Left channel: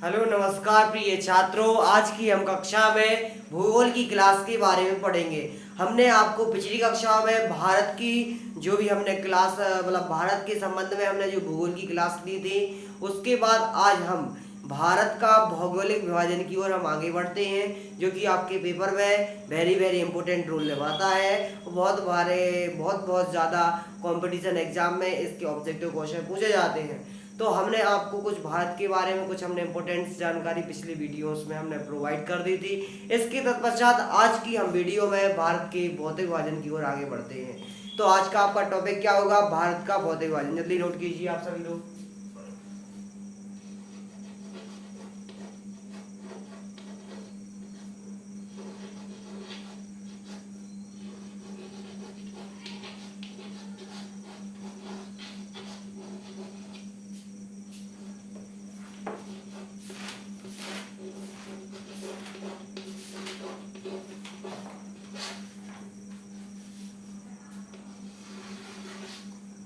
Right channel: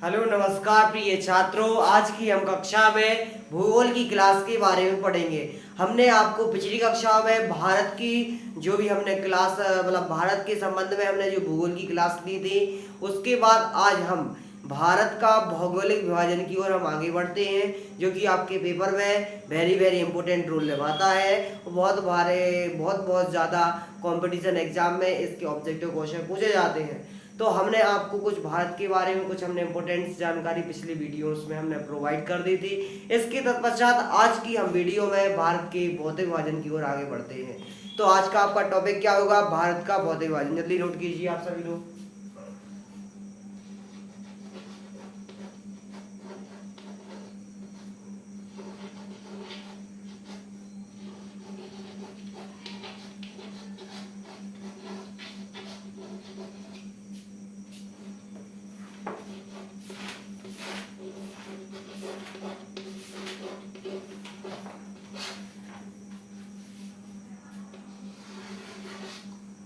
Hello नमस्कार प्रिय छात्रों, आज की हम कक्षा में भूगोल की क्लास के बारे में पढ़ेंगे। हमने आपको पिछली कक्षा में भारत की जो भी हमने क्लास मतलब भारत के संबंध में हमने जो भूगोल की क्लास ली थी, उसके बाद आज हम भारत का भौगोलिक विभाजन की ओर हम आगे बढ़ते हैं, जो कि आपके पेपर में वेरी वेरी इंपॉर्टेंट रोल निभाता है। बहुत बहुत ज़्यादा कंपटीशन एग्जाम में इसके ऑब्जेक्टिव क्वेश्चन पूछे जाते हैं। तो हमने आपको कुछ भारत के बारे में कुछ हमने इंपॉर्टेंट जानकारी पिछली वीडियोस में हमने प्रोवाइड कर दी थी। इसके तत्पश्चात आज की हम वीडियो में भारत के भौतिक विभाजन की ओर आगे बढ़ते हैं। तो आज का आपका टॉपिक क्या होगा? भारत का भौतिक विभाजन। जल्दी नोट कीजिए आप सभी लोग।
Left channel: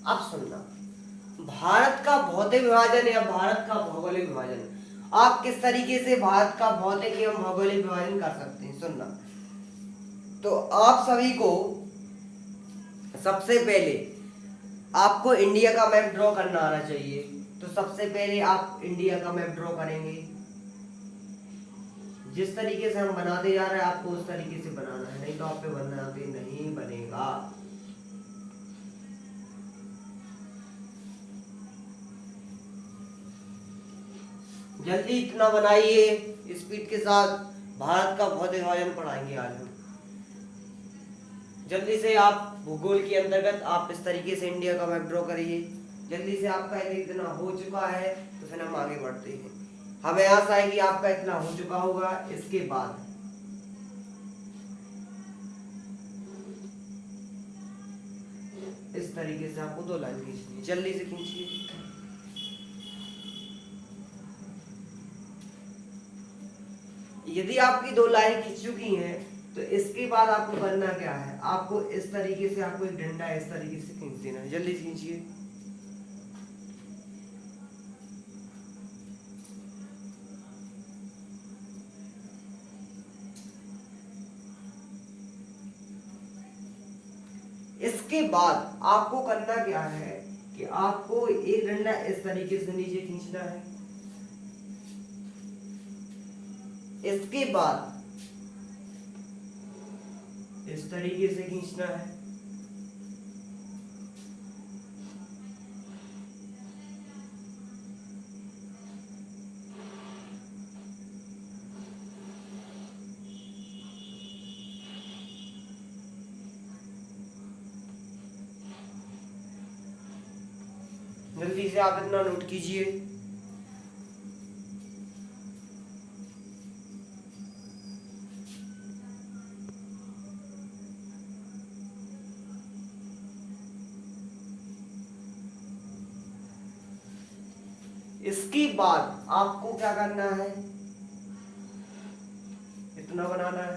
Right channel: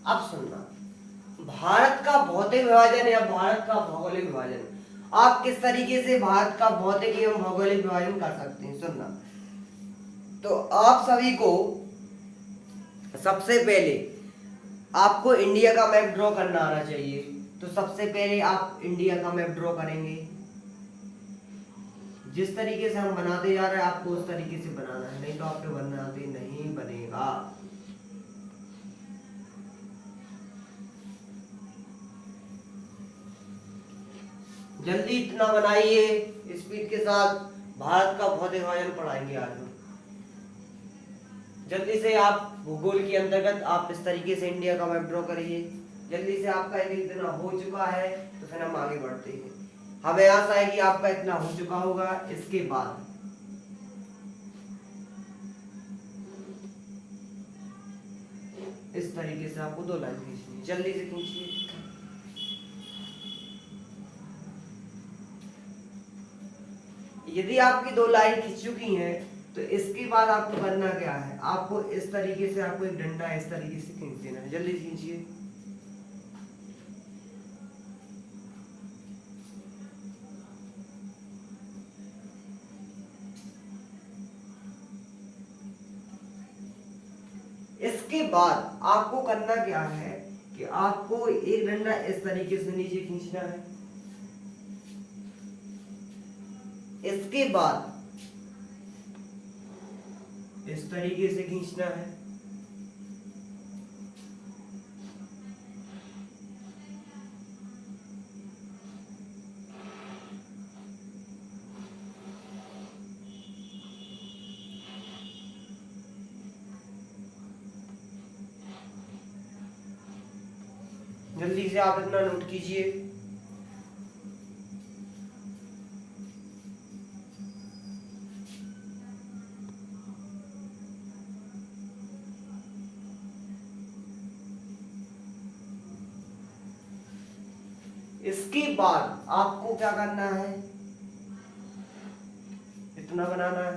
अब सुनना, भारत का भौतिक विभाजन या भारत का भौगोलिक विभाजन, आप किस तरीके से भारत का भौतिक एवं भौगोलिक विभाजन कर सकते हैं। सुनना, तो आप सभी को सबसे पहले आपको इंडिया का मैप ड्रॉ करना आना चाहिए। तो सबसे पहले आप इंडिया का मैप ड्रॉ करेंगे। जिस तरीके से हम बनाते जा रहे हैं आपको उस तरीके से बनाना है, नहीं तो आपके बनाते नहीं बनेगा। जल्दी इतना बनाइए स्पीड के साथ। भारत का भौतिक विभाजन पढ़ाएंगे आज हम। जल्दी से आप भूगोल के अंतर्गत आप इस तरीके से इंडिया का मैप ड्रॉ करिए। जल्दी से आपका यदि इतना हो चुका है तो फिर हम आगे बढ़ते हैं। हमें आशा है कि आपका इतना हो चुका होगा। इसके बाद इस तरीके से आपको दो लाइन खींचनी है। जल्दी से खींचिए। यदि आपकी दो लाइन खींच चुकी हैं तो इसके बाद आपको करना क्या है? आपको इस तरीके से आपको एक डंडा इस तरीके से खींच देना है। जल्दी से खींचिए। इसके बाद आपको करना क्या है कि आपको एक डंडा इस तरीके से नीचे खींचना है। इसके बाद इस तरीके से खींचना है। जल्दी से आप इतना नोट कीजिए। इसके बाद आपको क्या करना है? इतना बनाना है।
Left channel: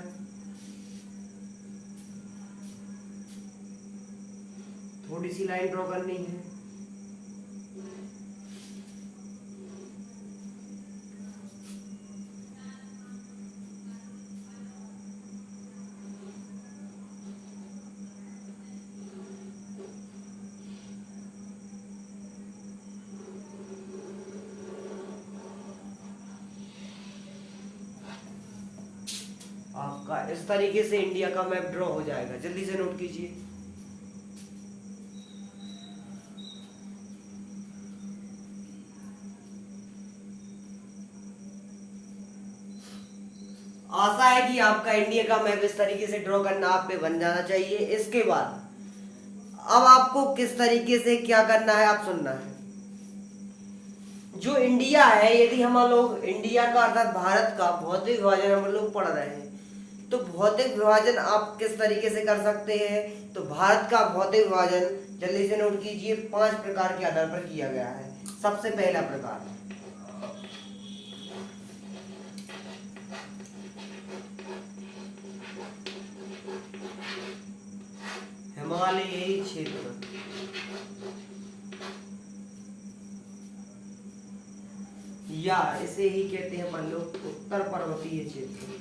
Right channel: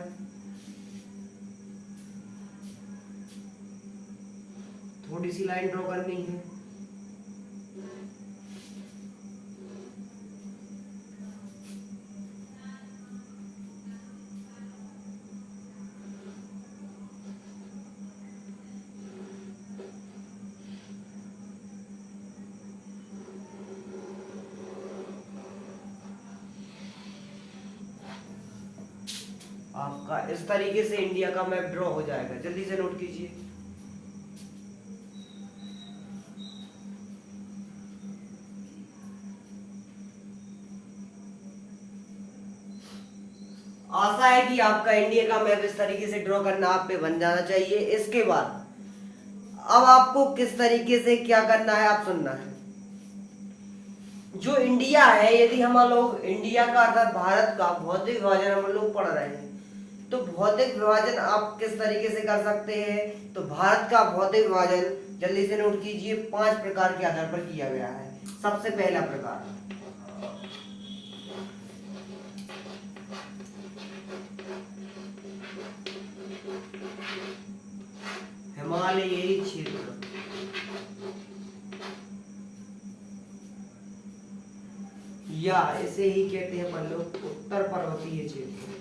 थोड़ी सी लाइन ड्रॉ करनी है। आपका इस तरीके से इंडिया का मैप ड्रॉ हो जाएगा। जल्दी से नोट कीजिए। आशा है कि आपका इंडिया का मैप इस तरीके से ड्रॉ करना आप पे बन जाना चाहिए। इसके बाद अब आपको किस तरीके से क्या करना है आप सुनना है। जो इंडिया है, यदि हम लोग इंडिया का अर्थात भारत का भौतिक विभाजन हम लोग पढ़ रहे हैं, तो भौतिक विभाजन आप किस तरीके से कर सकते हैं? तो भारत का भौतिक विभाजन जल्दी से नोट कीजिए 5 प्रकार के आधार पर किया गया है। सबसे पहला प्रकार, हिमालयी क्षेत्र, या इस इसे ही कहते हैं अपन लोग उत्तर पर्वतीय क्षेत्र।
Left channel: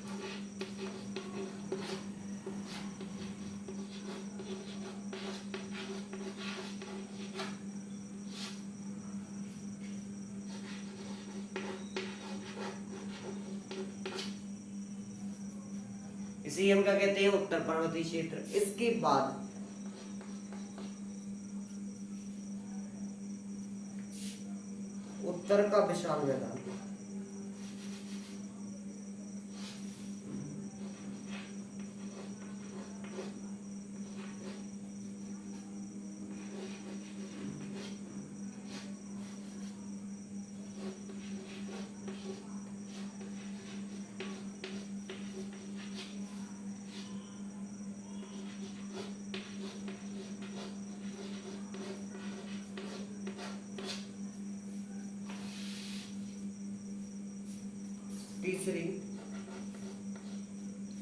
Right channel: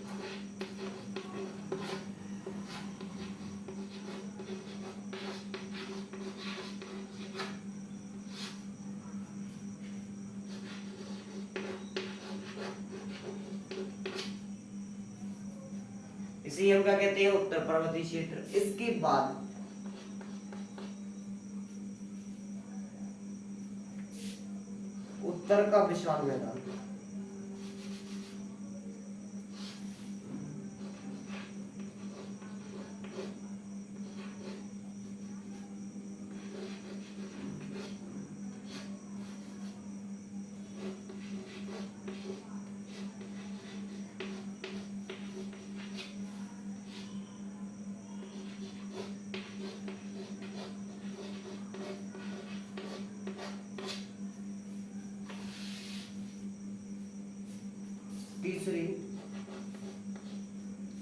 इसी हम क्या कहते हैं उत्तर पर्वतीय क्षेत्र। इसके बाद उत्तर का विशाल मैदान।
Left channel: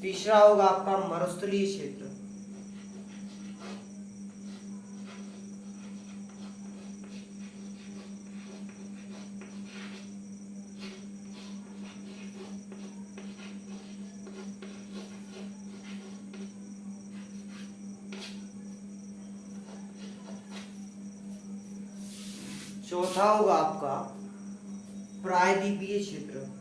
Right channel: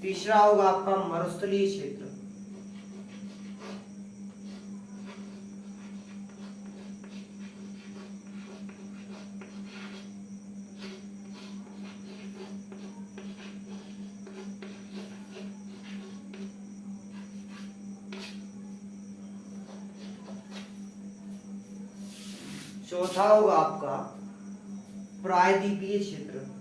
तीसरा होगा आपका मरुस्थलीय क्षेत्र। चौथा होगा आपका प्रायद्वीपीय क्षेत्र।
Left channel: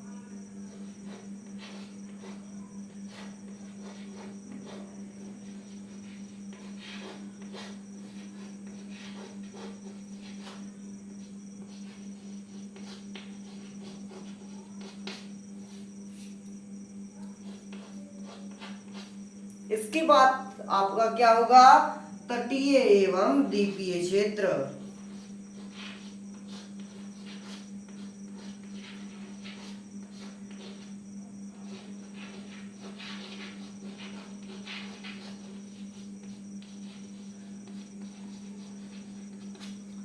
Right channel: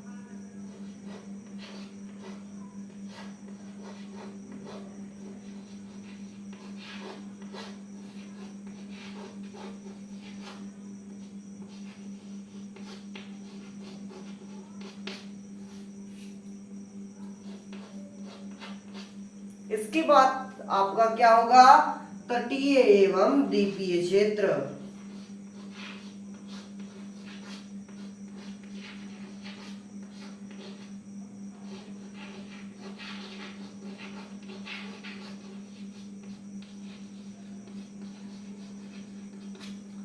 इसके बाद आपका क्या होगा तटीय एवं द्वीपीय क्षेत्र।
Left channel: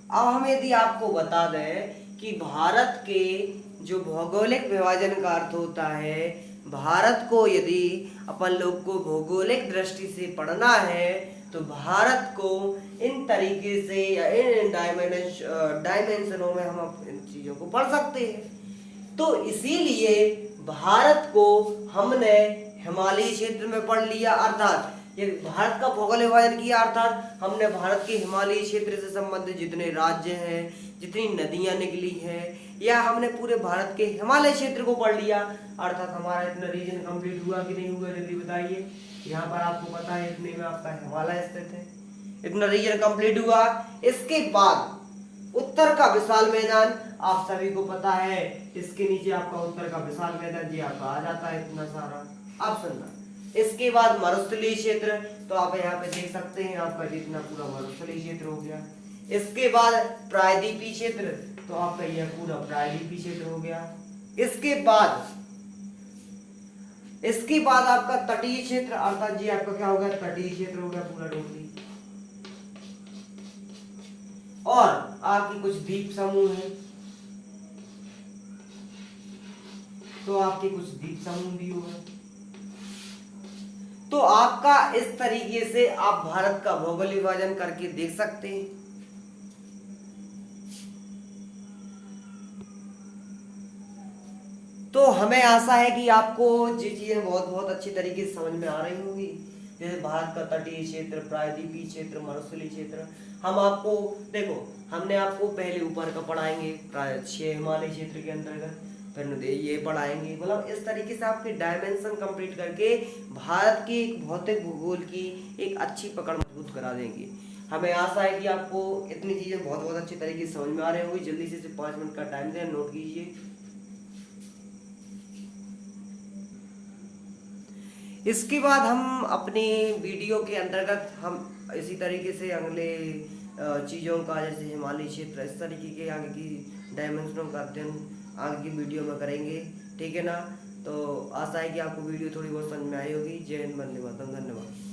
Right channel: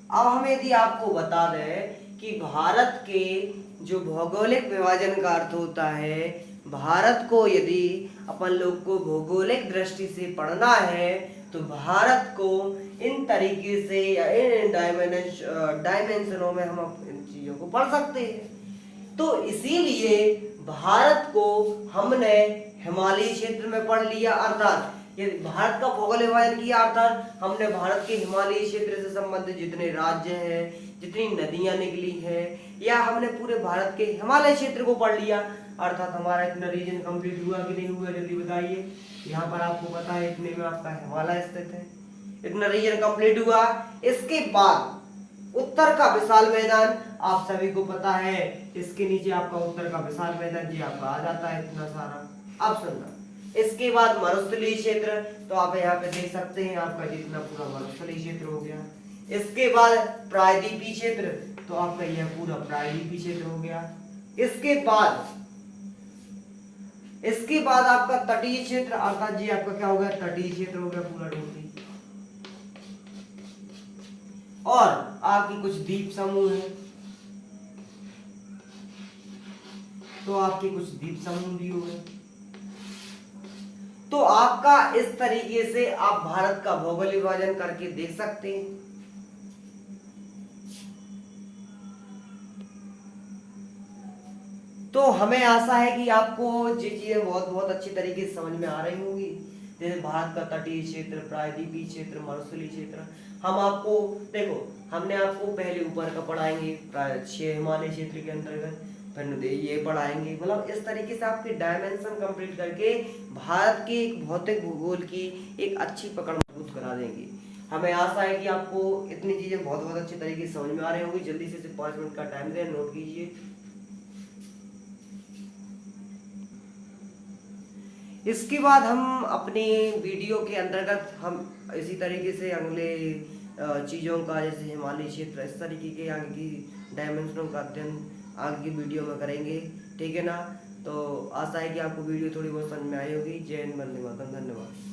अब हम यदि आपको बता दें कि भारत के जो भौगोलिक विभाजन का अर्थ होता है, भारत को यदि अपन लोग को भौगोलिक दृष्टि से पढ़ना है तो भारत को इन तरीके से या इन डायमेंशनों में हम इन चीजों को पढ़ सकते हैं। तो इसीलिए भारत को हमने हिमालयी क्षेत्र में पढ़ लिया, अर्थात ये भारत का भौगोलिक विभाजन किया, अर्थात हमने भारत के हिमालयी क्षेत्र से संबंधित जितने राज्य हैं, जितनी नदियां निकली हैं, या हमने पूरे भारत के हिमालय क्षेत्र को पढ़ लिया, अर्थात हमारा इतना रीजन कंप्लीट हुआ कि नहीं हुआ जल्दी बताइए। यहाँ पर आपको पता है इतने में आपका हिमालय स्थित है, इतना रीजन कंप्लीट हुआ। इसके बाद उत्तर का विशाल मैदान आप सभी को पता है, इसके नीचे आपका उत्तर का विशाल मैदान जी आपका आ जाता है इतना सारा। अब सुनना, इसके बाद मरुस्थलीय क्षेत्र, तो आप यहाँ पे देख सकते हैं आपका जितना पूरा मरुस्थलीय क्षेत्र हो गया। इसके बाद प्रायद्वीपीय क्षेत्र, तो आपका यह पूरा प्रायद्वीपीय क्षेत्र हो गया। इसके बाद आपका तटीय क्षेत्र, अर्थात जी आपका क्या हो गया तटीय क्षेत्र हो गया पूरा टोटली। और आपके कुछ द्वीप समूह हैं, तो आपके कुछ द्वीप समूह भी हो गए। तो आपका इस तरीके से आप भारत का भौगोलिक विभाजन करके देख सकते हैं। तो हमें आशा है कि आपको ये चीजें बहुत अच्छी तरीके से समझ में आ रही होंगी, जैसे भारत का तटीय क्षेत्र, प्रायद्वीपीय क्षेत्र, मरुस्थलीय क्षेत्र। हम आपको देखो, हमने आपको पहले ऊपर का पढ़ाएंगे 6 हिमालय क्षेत्र के अंतर्गत, फिर ये पढ़ाएंगे, मतलब इस तरीके से आपके डायमेंशन कंप्लीट करके भारत के एक भौतिक भूगोल की एक अच्छी पकड़ मजबूत करा देंगे। हमें आशा है कि आपको इतनी चीजें बहुत अच्छी तरीके से समझ में आ रही होंगी। जल्दी से 5 मिनट का टाइम दें, नोट कीजिए। इसके बाद हम अपने वीडियो के अंतर्गत हम इसी तरीके से अगले चीज़ों का, जैसे हिमालय क्षेत्र, इस तरीके के आगे की डायमेंशनों का अध्ययन आगे की वीडियो में करेंगे, ठीक है ना। तो आशा है कि आपको वीडियो थोड़ी बहुत समझ में आई होगी। जय हिंद, वंदे मातरम, धन्यवाद।